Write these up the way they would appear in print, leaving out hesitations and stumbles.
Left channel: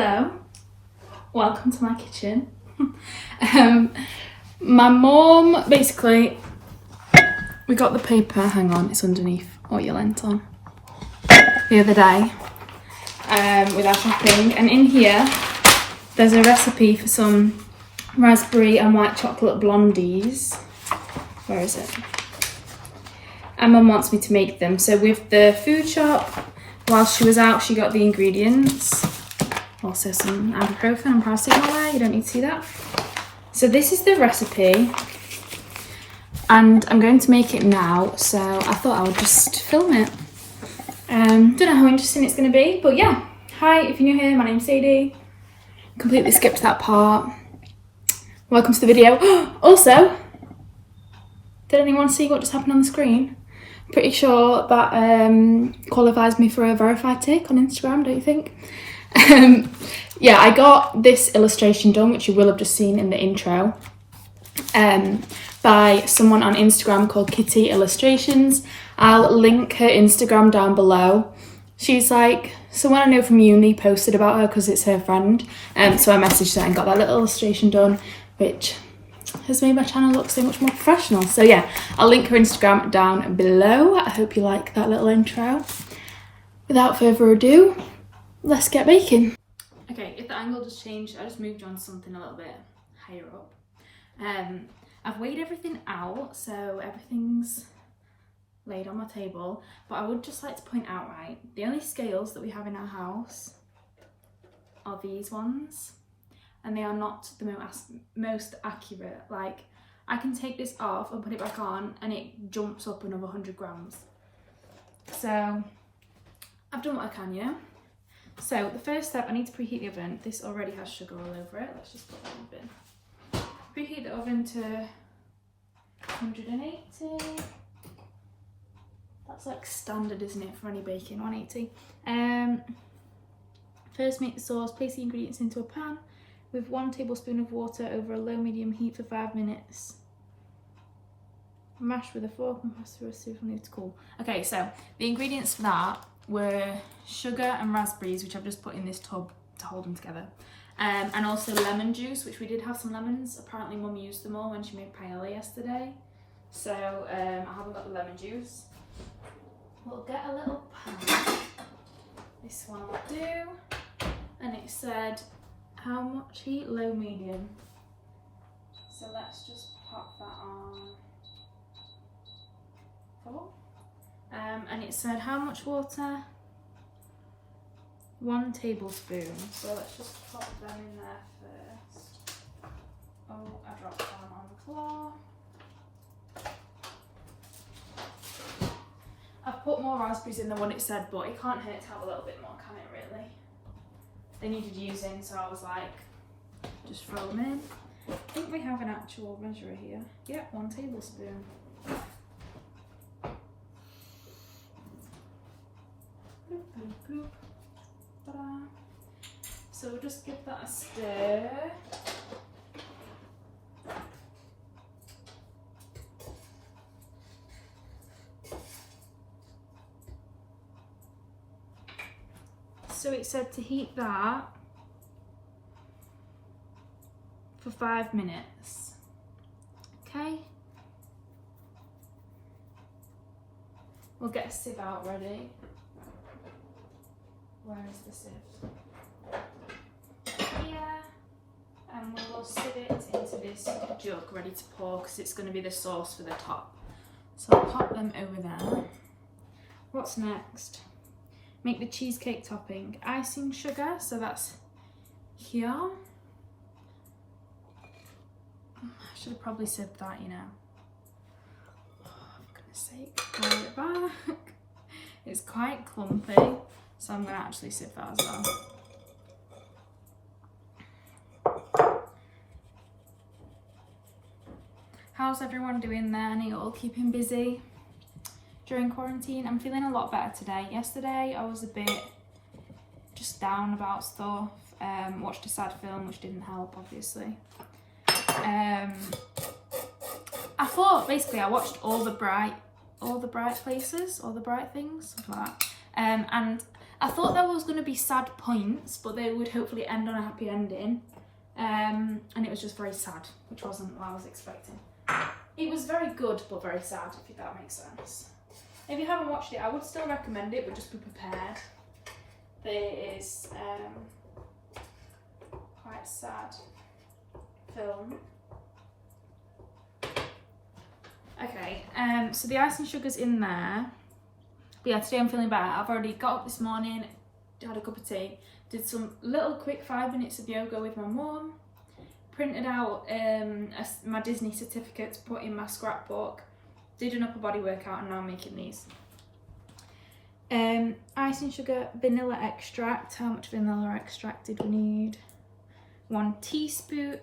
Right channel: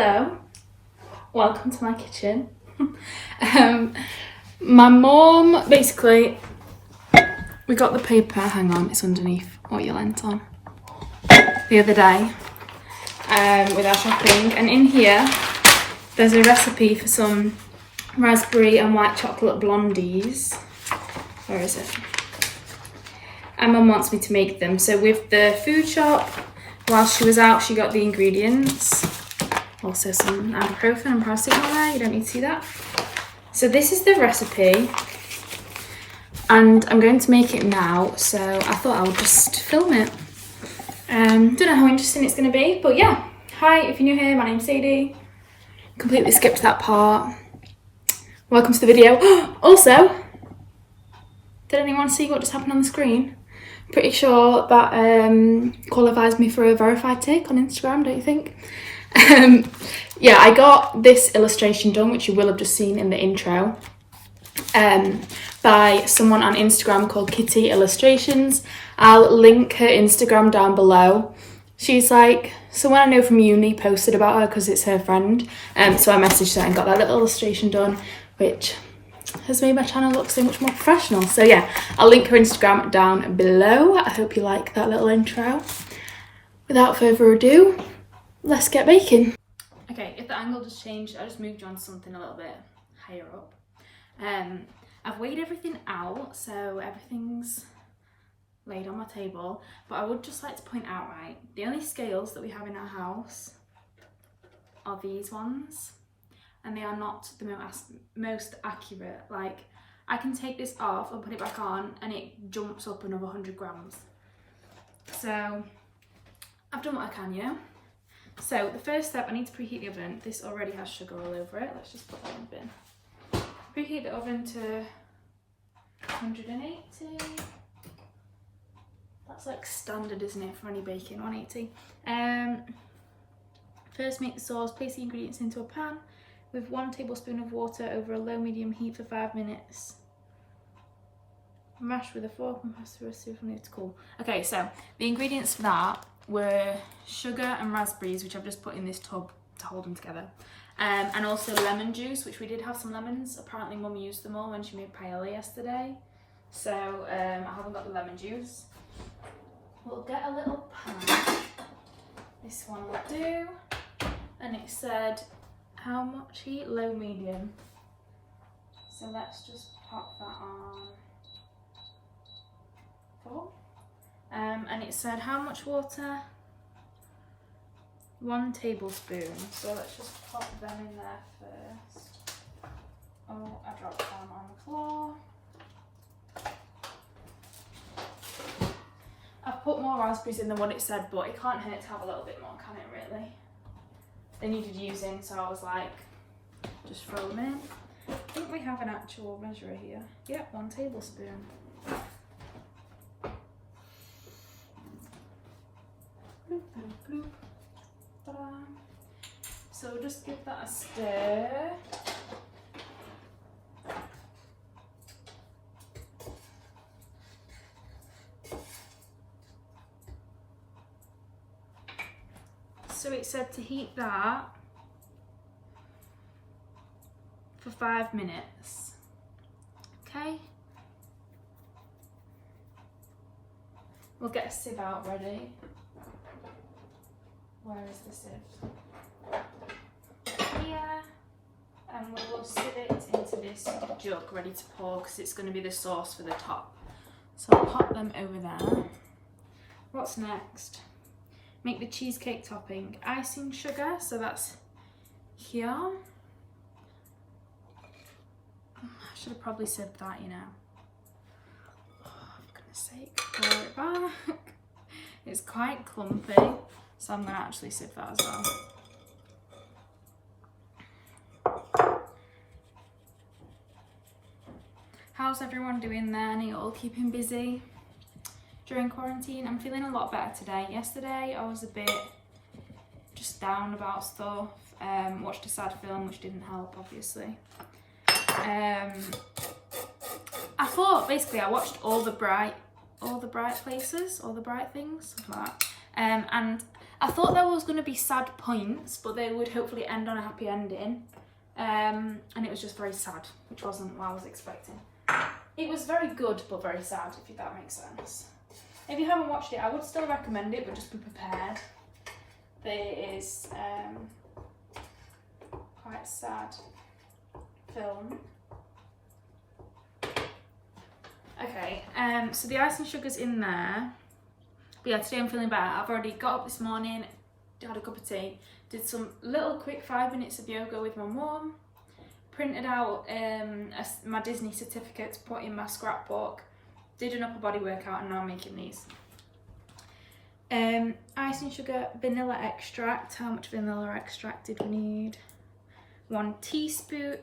Hello, welcome to my kitchen. My mum, basically, we got the paper, hang on, it's underneath what you lent on, the other day with our shopping, and in here there's a recipe for some raspberry and white chocolate blondies. Where is it? And Mum wants me to make them. So with the food shop, while she was out, she got the ingredients. Also some ibuprofen and paracetamol there, you don't need to see that. So this is the recipe, and I'm going to make it now, so I thought I would just film it. Don't know how interesting it's going to be, but yeah. Hi, if you're new here, my name's Sadie. Completely skipped that part. Welcome to the video. Also, did anyone see what just happened on the screen? Pretty sure that qualifies me for a verified tick on Instagram, don't you think? Yeah, I got this illustration done, which you will have just seen in the intro, by someone on Instagram called Kitty Illustrations. I'll link her Instagram down below. She's like someone I know from uni posted about her because it's her friend, so I messaged her and got that little illustration done, which has made my channel look so much more professional. So yeah, I'll link her Instagram down below. I hope you like that little intro. Without further ado, let's get baking. Okay, if the angle just changed, I just moved on to something a little bit higher up. I've weighed everything out, so everything's laid on my table, but I would just like to point out, right, the only scales that we have in our house are these ones, and they are not the most accurate. Like, I can take this off and put it back on and it jumps up another 100 grams. So I've done what I can, yeah? So the first step, I need to preheat the oven. This already has sugar all over it. Let's just put it in the bin. Preheat the oven to 180. That's like standard, isn't it, for any baking, 180. First make the sauce. Place the ingredients into a pan with 1 tablespoon of water over a low-medium heat for 5 minutes. Mash with a fork and pass through a sieve until it's cool. Okay, so the ingredients for that were sugar and raspberries, which I've just put in this tub to hold them together, and also lemon juice, which we did have some lemons. Apparently Mum used them all when she made paella yesterday, so I haven't got the lemon juice. We'll get a little pan. This one will do, and it said how much heat? Low, medium. So let's just pop that on 4. And it said how much water? 1 tablespoon. So let's just pop them in there first. Oh, I dropped one on the floor. I've put more raspberries in than what it said, but it can't hurt to have a little bit more, can it really? They needed using, so I was like, just throw them in. I think we have an actual measurer here. Yep, 1 tablespoon. So we'll just give that a stir. So it said to heat that for 5 minutes. Okay. We'll get a sieve out ready. Where is the sieve? Here. And we'll sieve it into this jug ready to pour, because it's going to be the sauce for the top. So I'll pop them over there. What's next? Make the cheesecake topping. Icing sugar, so that's here. I should have probably sieved that, you know. Oh, for goodness sake, pour it back. It's quite clumpy, so I'm going to actually sieve that as well. How's everyone doing there? Are you all keeping busy during quarantine? I'm feeling a lot better today. Yesterday I was a bit just down about stuff. Watched a sad film, which didn't help, obviously. I thought, basically, I watched all the bright places, all the bright things, something like that. And I thought there was going to be sad points, but they would hopefully end on a happy ending. And it was just very sad, which wasn't what I was expecting. It was very good, but very sad, if that makes sense. If you haven't watched it, I would still recommend it, but just be prepared. There is quite a sad film. Okay, so the icing sugar's in there. But yeah, today I'm feeling better. I've already got up this morning, had a cup of tea, did some little quick 5 minutes of yoga with my mum, printed out my Disney certificate to put in my scrapbook, did an upper body workout, and now I'm making these. Icing sugar, vanilla extract. How much vanilla extract did we need? 1 teaspoon,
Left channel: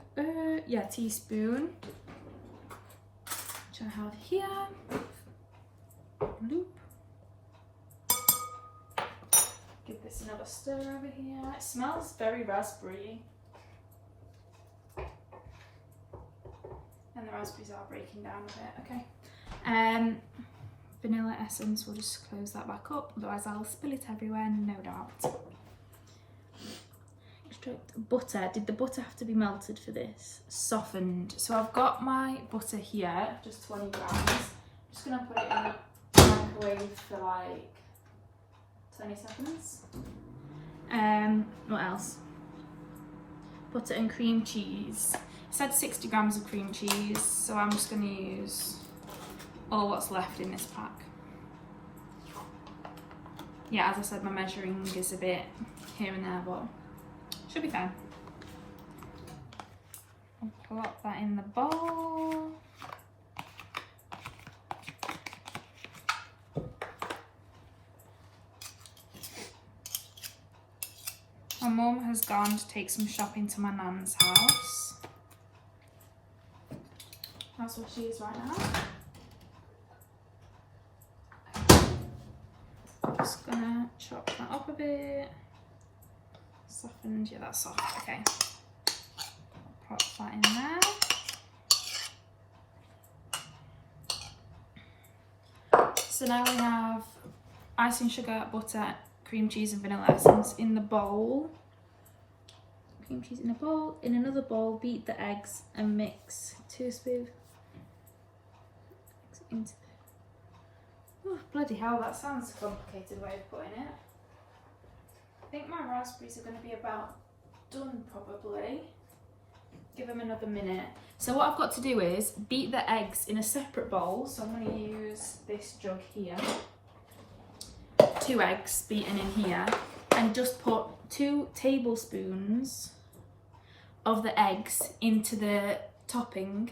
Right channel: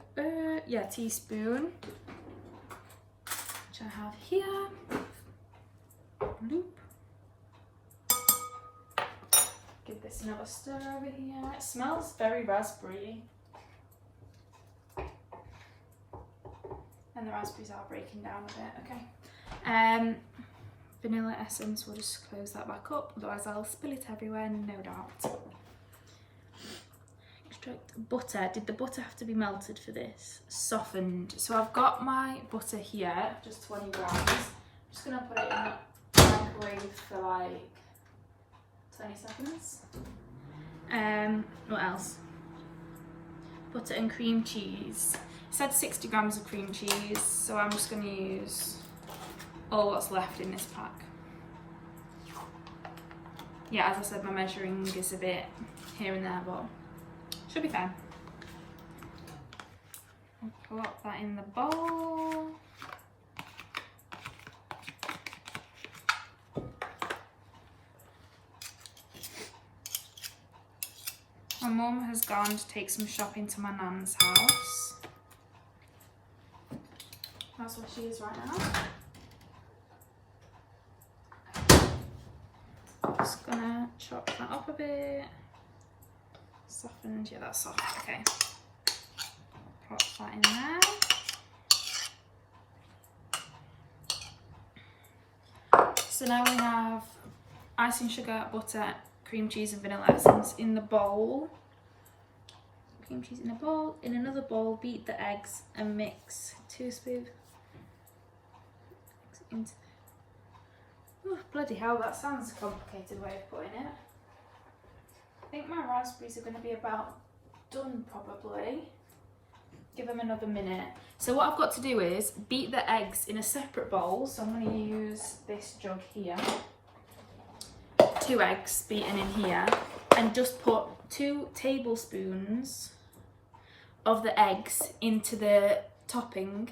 teaspoon, which I have here. Loop. Give this another stir over here. It smells very raspberry. And the raspberries are breaking down a bit, okay. Vanilla essence, we'll just close that back up, otherwise I'll spill it everywhere, no doubt. Extract butter. Did the butter have to be melted for this? Softened. So I've got my butter here, just 20 grams. I'm just gonna put it in the microwave for like 20 seconds. What else? Butter and cream cheese. It said 60 grams of cream cheese, so I'm just going to use all what's left in this pack. Yeah, as I said, my measuring is a bit here and there, but should be fine. I'll plop that in the bowl. My mum has gone to take some shopping to my nan's house. That's where she is right now. I'm just gonna chop that up a bit. Softened, yeah, that's soft, okay. Pop that in there. So now we have icing sugar, butter, cream cheese and vanilla essence in the bowl. Cream cheese in a bowl. In another bowl, beat the eggs and mix 2 spoons. Oh, bloody hell, that sounds a complicated way of putting it. I think my raspberries are going to be about done probably. Give them another minute. So what I've got to do is beat the eggs in a separate bowl. So I'm going to use this jug here. 2 eggs beaten in here, and just put 2 tablespoons of the eggs into the topping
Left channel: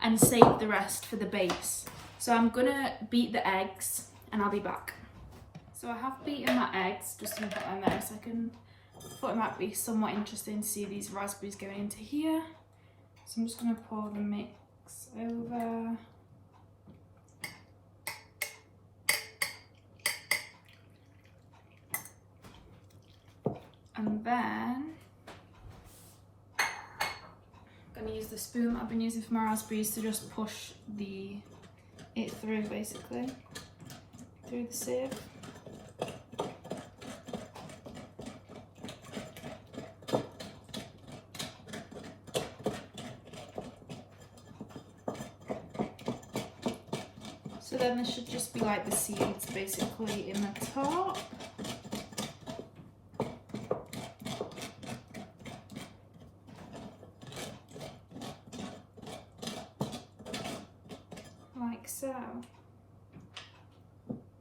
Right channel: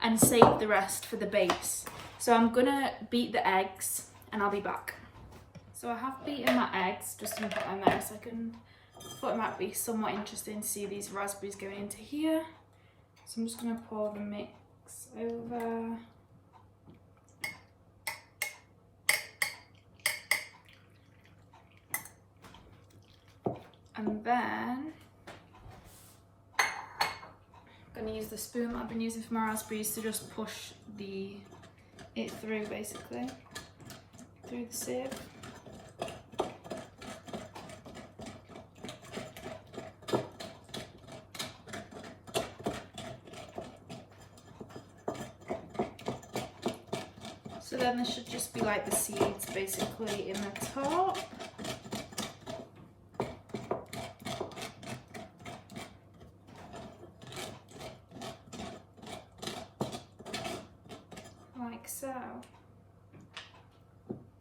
and save the rest for the base. So I'm gonna beat the eggs and I'll be back. So I have beaten my eggs, just gonna put them there so I thought it might be somewhat interesting to see these raspberries going into here. So I'm just gonna pour the mix over. And then I'm going to use the spoon that I've been using for my raspberries to just push it through, basically, through the sieve. So then there should just be like the seeds basically in the top. Like so.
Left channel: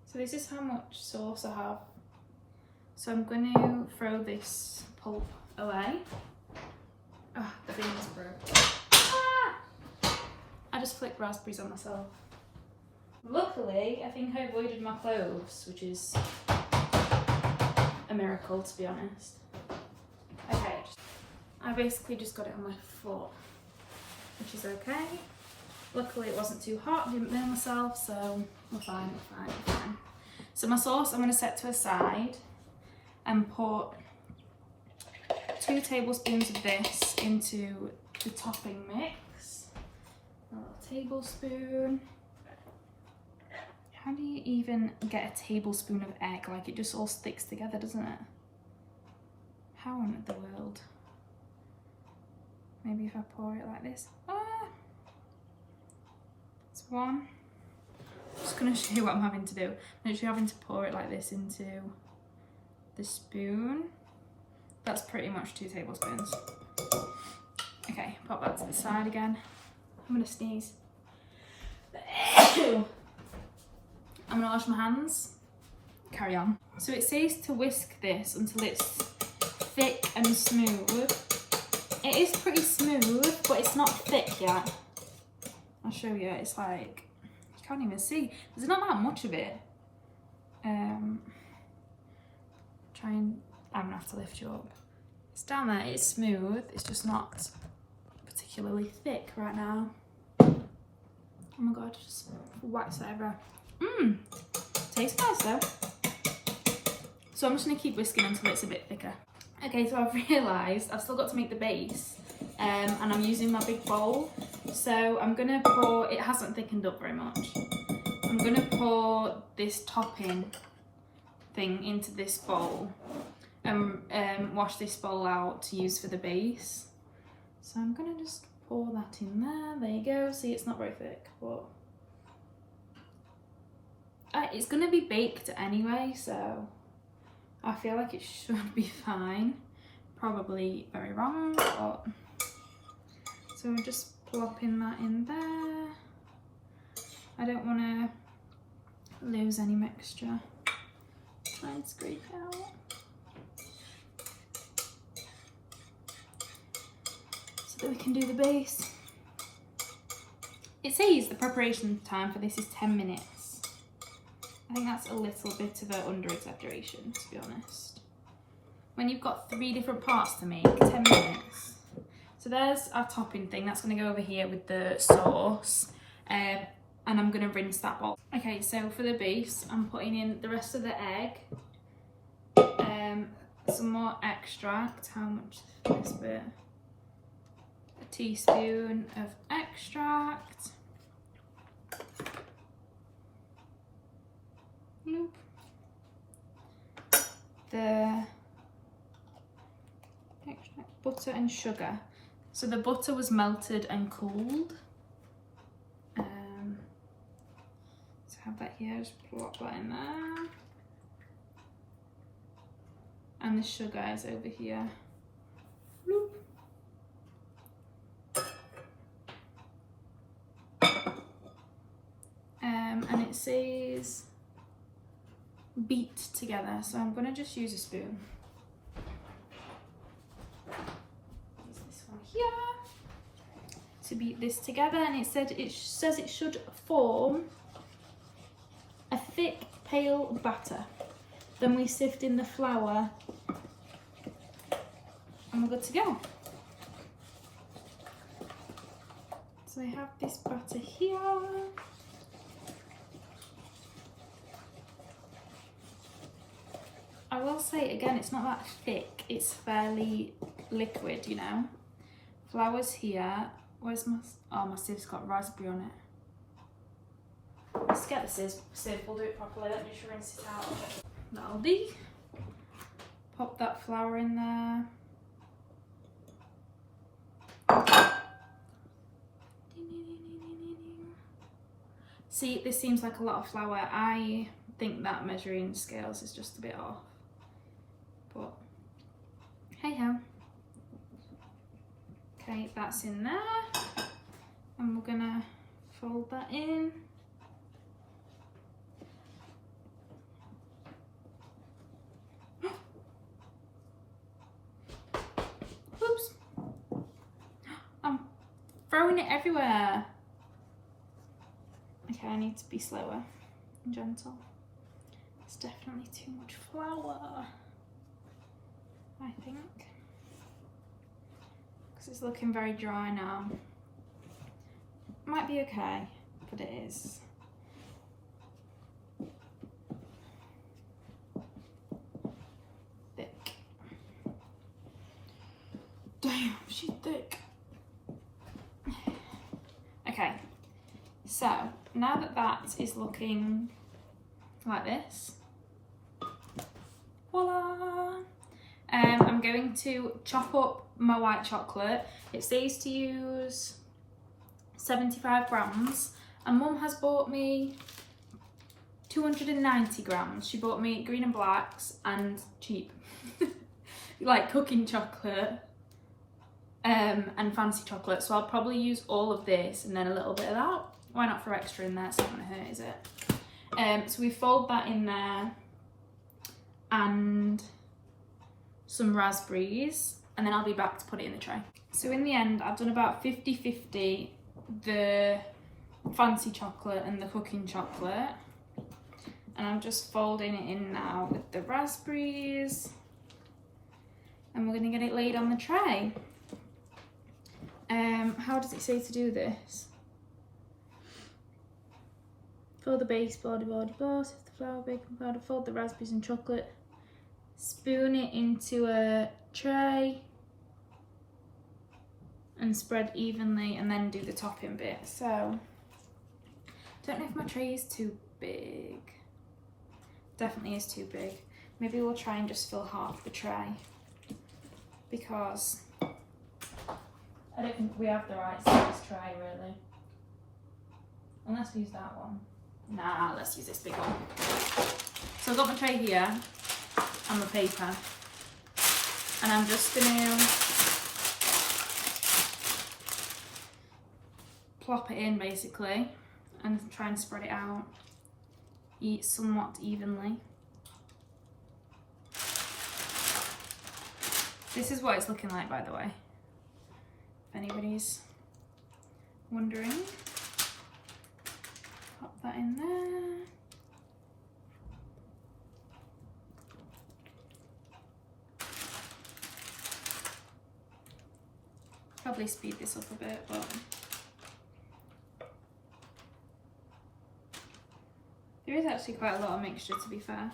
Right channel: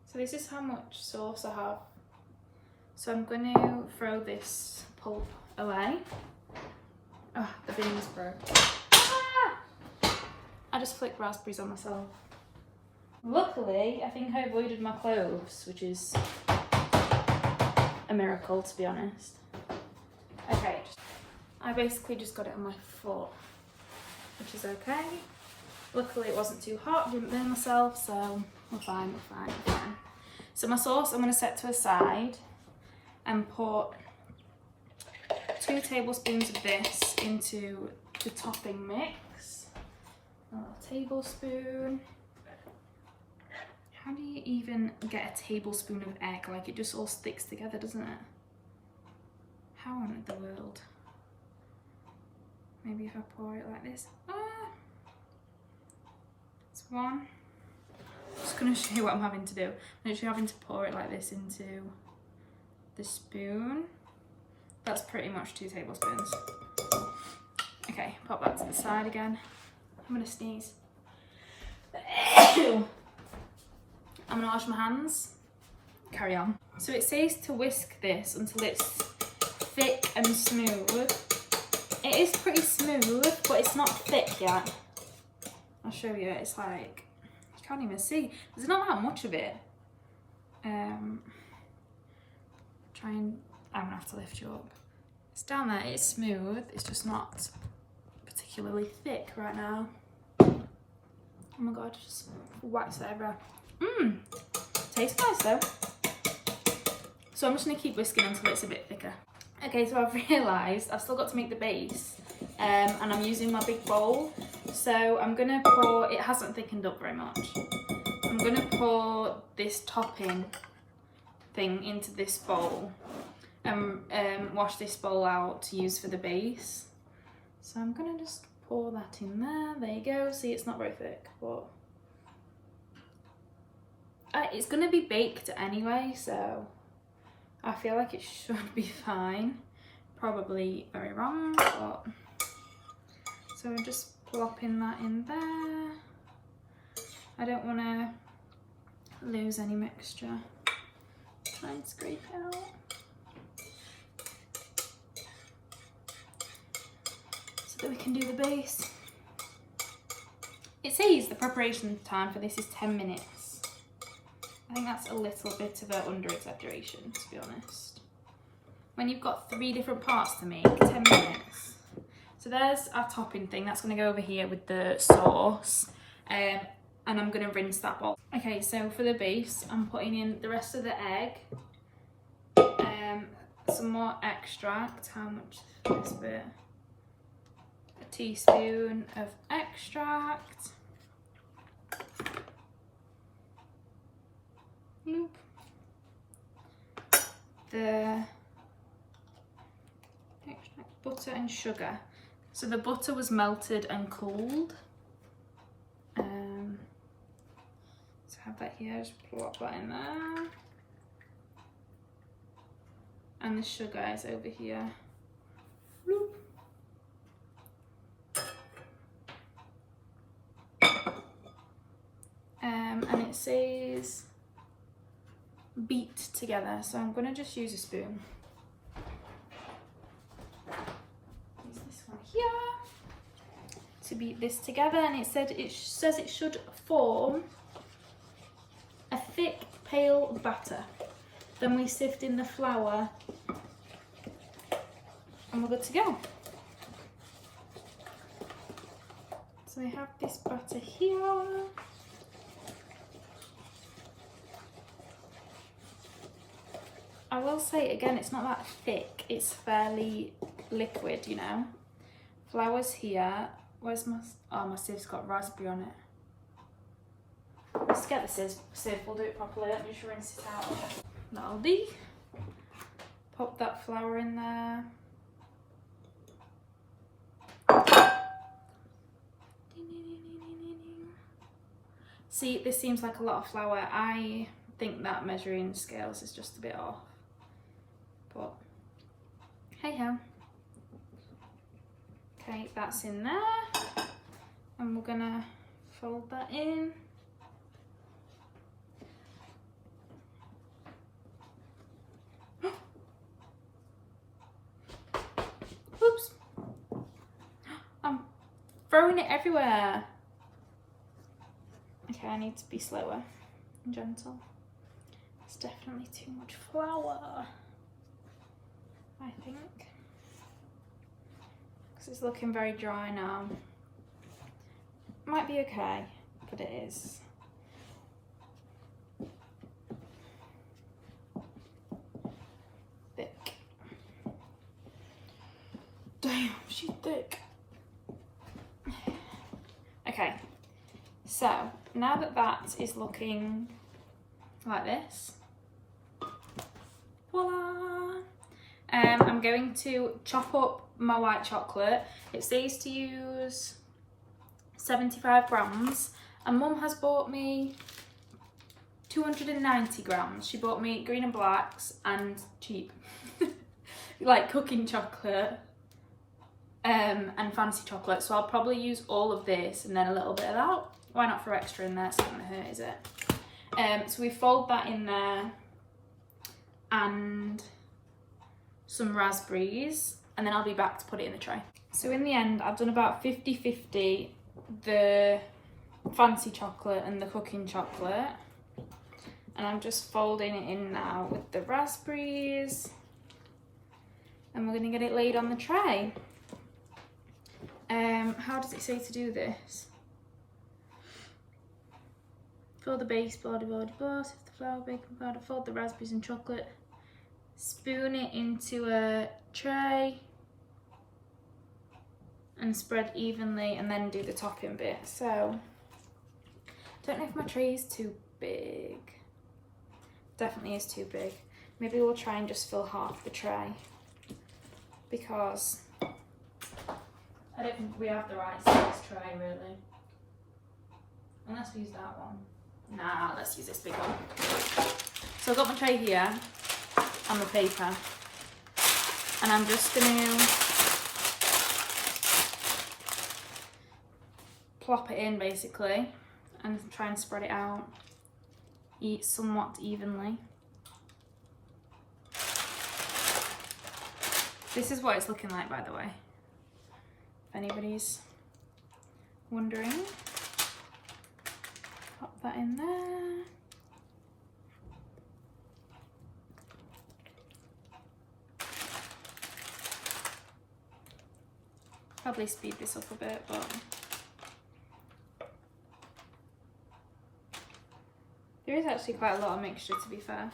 So this is how much sauce I have. So I'm going to throw this pulp away. Oh, the beans broke. Ah! I just flicked raspberries on myself. Luckily, I think I avoided my cloves, which is a miracle, to be honest. Okay, I basically just got it on my foot, which is okay. Luckily it wasn't too hot, didn't burn myself, so we're fine, we're fine, we're fine. So my sauce I'm going to set to a side and put 2 tablespoons of this into the topping mix. A little tablespoon. How do you even get a tablespoon of egg. Like, it just all sticks together, doesn't it? How on the world? Maybe if I pour it like this. Ah! It's one. I'm just going to show you what I'm having to do. I'm literally having to pour it like this into the spoon. That's pretty much 2 tablespoons. Okay, pop that to the side again. I'm going to sneeze. I'm going to wash my hands. Carry on. So it says to whisk this until it's thick and smooth. It is pretty smooth, but it's not thick yet. I'll show you. It's like, you can't even see. There's not that much of it. I'm gonna have to lift you up. It's down there, it's smooth. It's just not particularly thick right now. Oh my God, just wax it everywhere. Tastes nice though. So I'm just gonna keep whisking until it's a bit thicker. Okay, so I've realised I've still got to make the base, and I'm using my big bowl. So I'm gonna pour, it hasn't thickened up very much. I'm gonna pour this topping thing into this bowl and wash this bowl out to use for the base. So I'm gonna just pour that in there. There you go. See, it's not very thick, but it's gonna be baked anyway, so I feel like it should be fine. Probably very wrong, but so I'm just plopping that in there. I don't want to lose any mixture. Try and scrape it out. So that we can do the base. It says the preparation time for this is 10 minutes. I think that's a little bit of an under-exaggeration, to be honest. When you've got 3 different parts to make, 10 minutes. So there's our topping thing. That's going to go over here with the sauce. And I'm going to rinse that bowl. Okay, so for the base, I'm putting in the rest of the egg. Some more extract. How much is this bit? A teaspoon of extract. Bloop. The extract, butter and sugar. So the butter was melted and cooled. So have that here, just plop that in there. And the sugar is over here. Bloop. And it says beat together, so I'm going to just use a spoon. Use this one here to beat this together, and it says it should form a thick pale batter. Then we sift in the flour and we're good to go. So we have this batter here. I will say again, it's not that thick, it's fairly liquid, you know. Flour's here. Where's my, oh, my siev's got raspberry on it. Let's get the sieve, we'll do it properly. Let me just rinse it out. That'll do. Pop that flour in there. See, this seems like a lot of flour. I think that measuring scales is just a bit off. But hey ho. Okay, that's in there. And we're gonna fold that in. Oops. I'm throwing it everywhere. Okay, I need to be slower and gentle. It's definitely too much flour, I think. Because it's looking very dry now. Might be okay, but it is. Thick. Damn, she's thick. Okay, so now that that is looking like this. Voila! I'm going to chop up my white chocolate. It says to use 75 grams, and Mum has bought me 290 grams. She bought me green and blacks and cheap, like cooking chocolate and fancy chocolate. So I'll probably use all of this and then a little bit of that. Why not throw extra in there? It's not gonna hurt, is it? So we fold that in there and some raspberries, and then I'll be back to put it in the tray. So in the end, I've done about 50-50 the fancy chocolate and the cooking chocolate, and I'm just folding it in now with the raspberries, and we're gonna get it laid on the tray. How does it say to do this? Fill the base, blah, sift the flour, baking powder, fold the raspberries and chocolate, spoon it into a tray and spread evenly, and then do the topping bit. So, don't know if my tray is too big. Definitely is too big. Maybe we'll try and just fill half the tray, because I don't think we have the right size tray really. Unless we use that one. Nah, let's use this big one. So I've got my tray here and my paper, and I'm just gonna plop it in basically and try and spread it out somewhat evenly. This is what it's looking like, by the way, if anybody's wondering. Pop that in there. Probably speed this up a bit, but there is actually quite a lot of mixture, to be fair.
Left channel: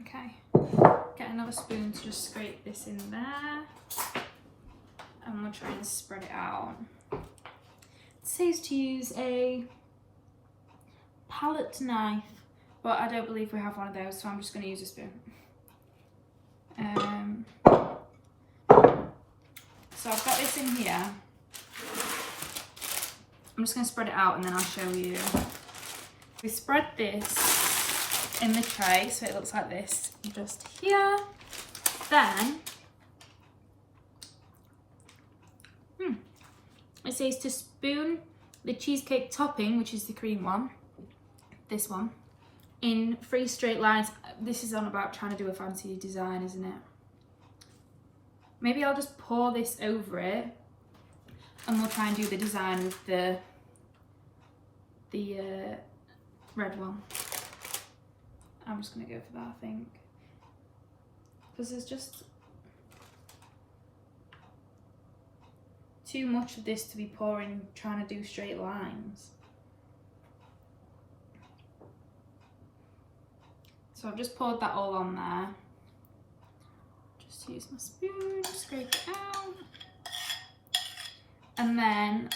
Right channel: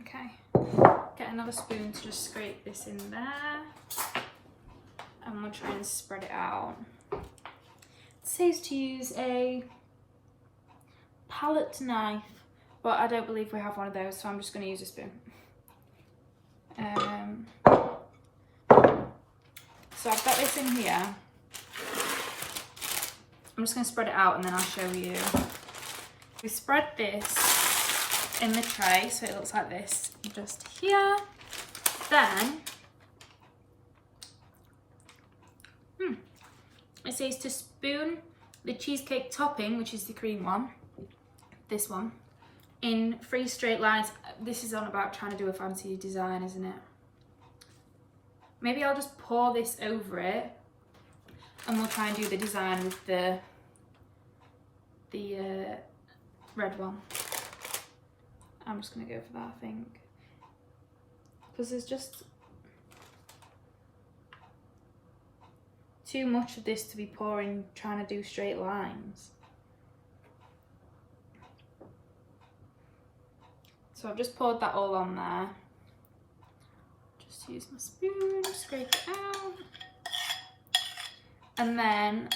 Okay, get another spoon to just scrape this in there, and we'll try and spread it out. It says to use a palette knife, but I don't believe we have one of those, so I'm just going to use a spoon. So I've got this in here. I'm just going to spread it out and then I'll show you. We spread this in the tray so it looks like this just here. Then it says to spoon the cheesecake topping, which is the cream one, this one, in 3 straight lines. This is on about trying to do a fancy design, isn't it? Maybe I'll just pour this over it and we'll try and do the design with the red one. I'm just gonna go for that, I think, because there's just too much of this to be pouring, trying to do straight lines. So I've just poured that all on there. Just use my spoon, scrape it out. And then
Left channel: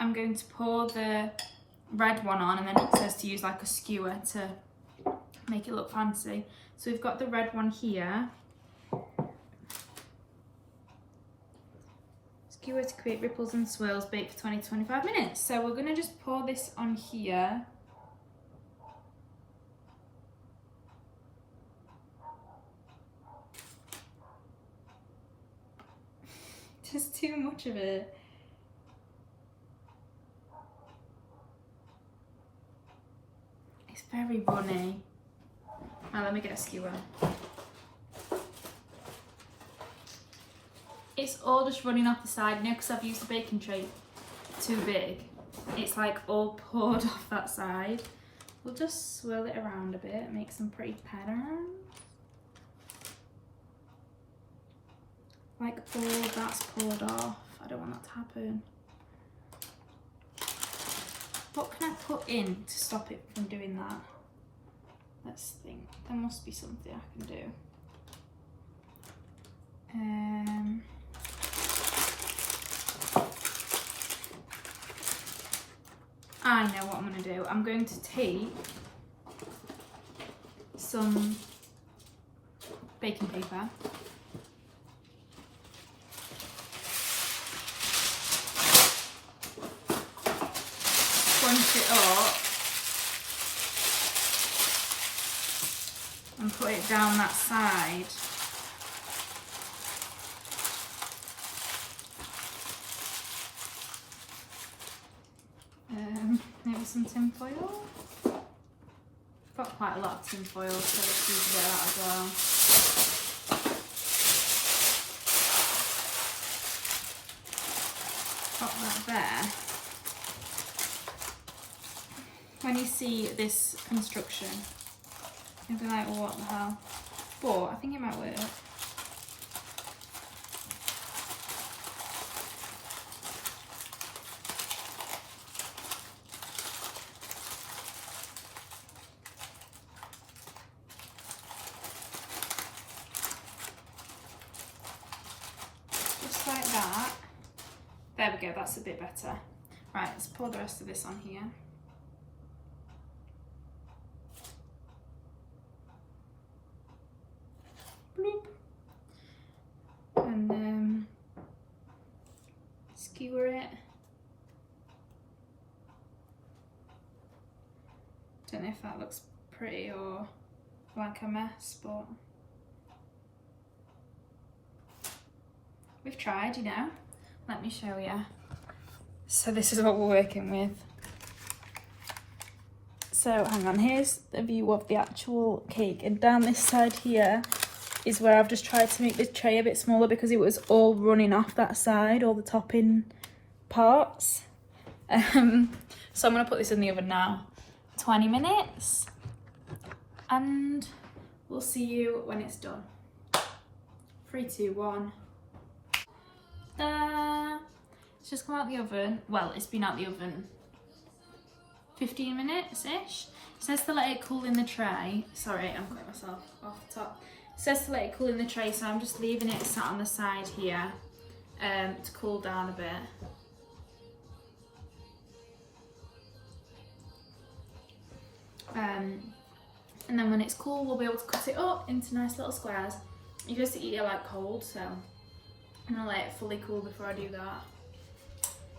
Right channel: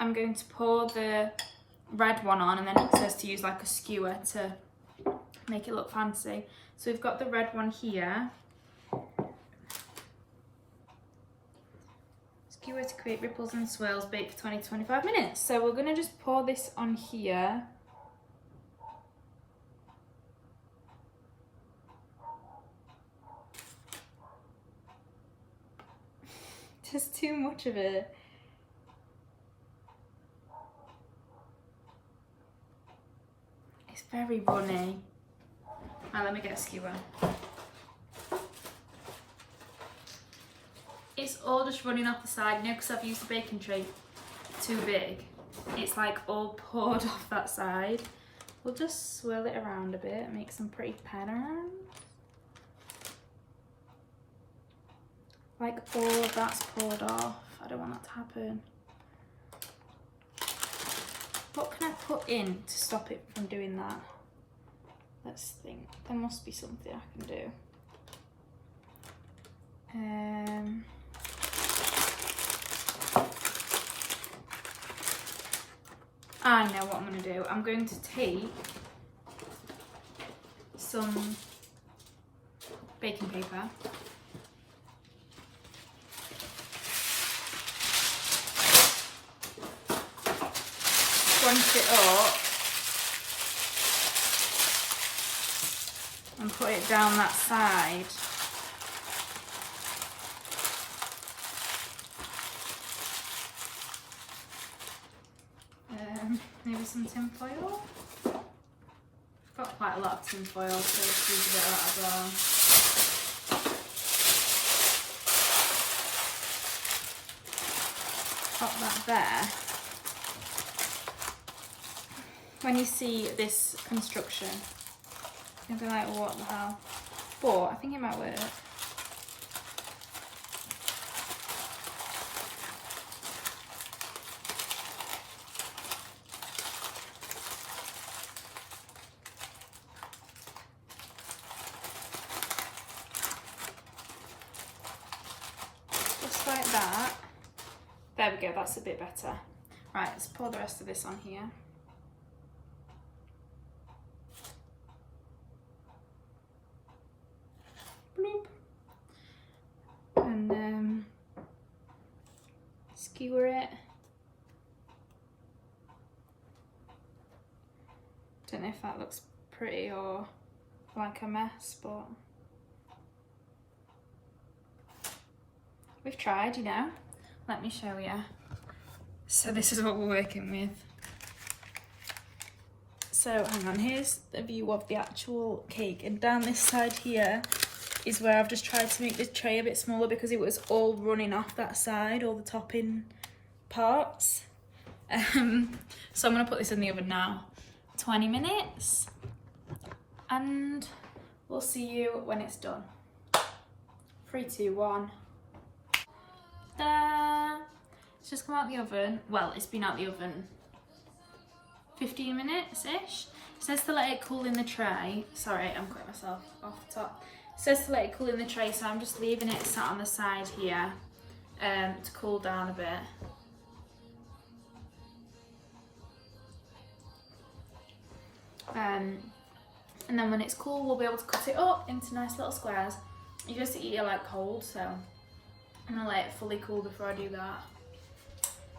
I'm going to pour the red one on, and then it says to use like a skewer to make it look fancy. So we've got the red one here. Skewer to create ripples and swirls, bake for 20 to 25 minutes. So we're gonna just pour this on here. Just too much of it. It's very runny. Now let me get a skewer. It's all just running off the side, you know, because I've used a baking tray too big. It's like all poured off that side. We'll just swirl it around a bit, make some pretty patterns. like all of that's poured off. I don't want that to happen. What can I put in to stop it from doing that? Let's think. There must be something I can do. I know what I'm going to do. I'm going to take some baking paper. Crunch it up and put it down that side. Maybe some tin foil. Got quite a lot of tin foil, so let's use a bit of that as well. Pop that there. When you see this construction, you'll be like, what the hell? But I think it might work. Just like that. There we go, that's a bit better. Right, let's pour the rest of this on here. And skewer it. Don't know if that looks pretty or like a mess, but we've tried, you know. Let me show you. So this is what we're working with. So hang on, here's the view of the actual cake, and down this side here is where I've just tried to make the tray a bit smaller because it was all running off that side, all the topping parts. So I'm gonna put this in the oven now, 20 minutes, and we'll see you when it's done. 3, 2, 1. Ta-da! It's just come out the oven. Well, it's been out the oven 15 minutes-ish. It says to let it cool in the tray. Sorry, I'm cutting myself off the top. It says to let it cool in the tray, so I'm just leaving it sat on the side here to cool down a bit. And then when it's cool, we'll be able to cut it up into nice little squares. You just eat it like cold, so I'm gonna let it fully cool before I do that.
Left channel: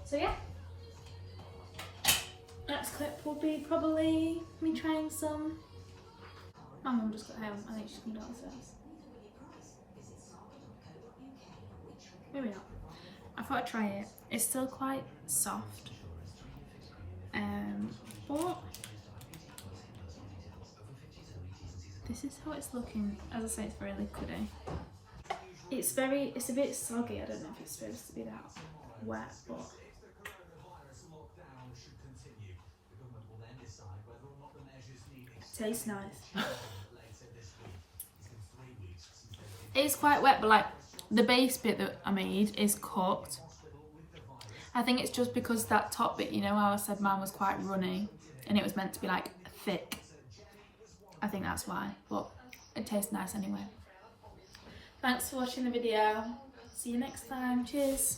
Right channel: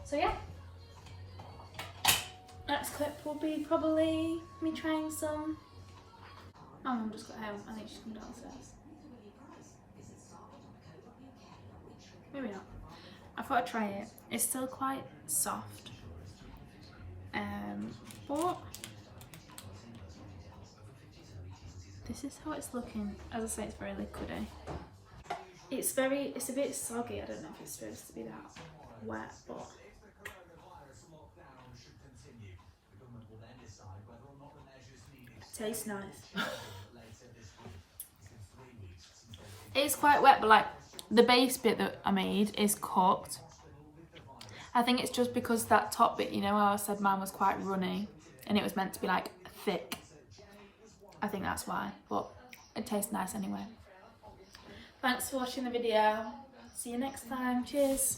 So yeah, next clip will be probably me trying some. My mum just got home. I think she's come downstairs. Maybe not. I thought I'd try it. It's still quite soft, but this is how it's looking. As I say, it's very liquidy. It's a bit soggy. I don't know if it's supposed to be that wet, but it tastes nice. It's quite wet, but like the base bit that I made is cooked. I think it's just because that top bit, you know how I said mine was quite runny and it was meant to be like thick. I think that's why, but it tastes nice anyway. Thanks for watching the video. See you next time. Cheers.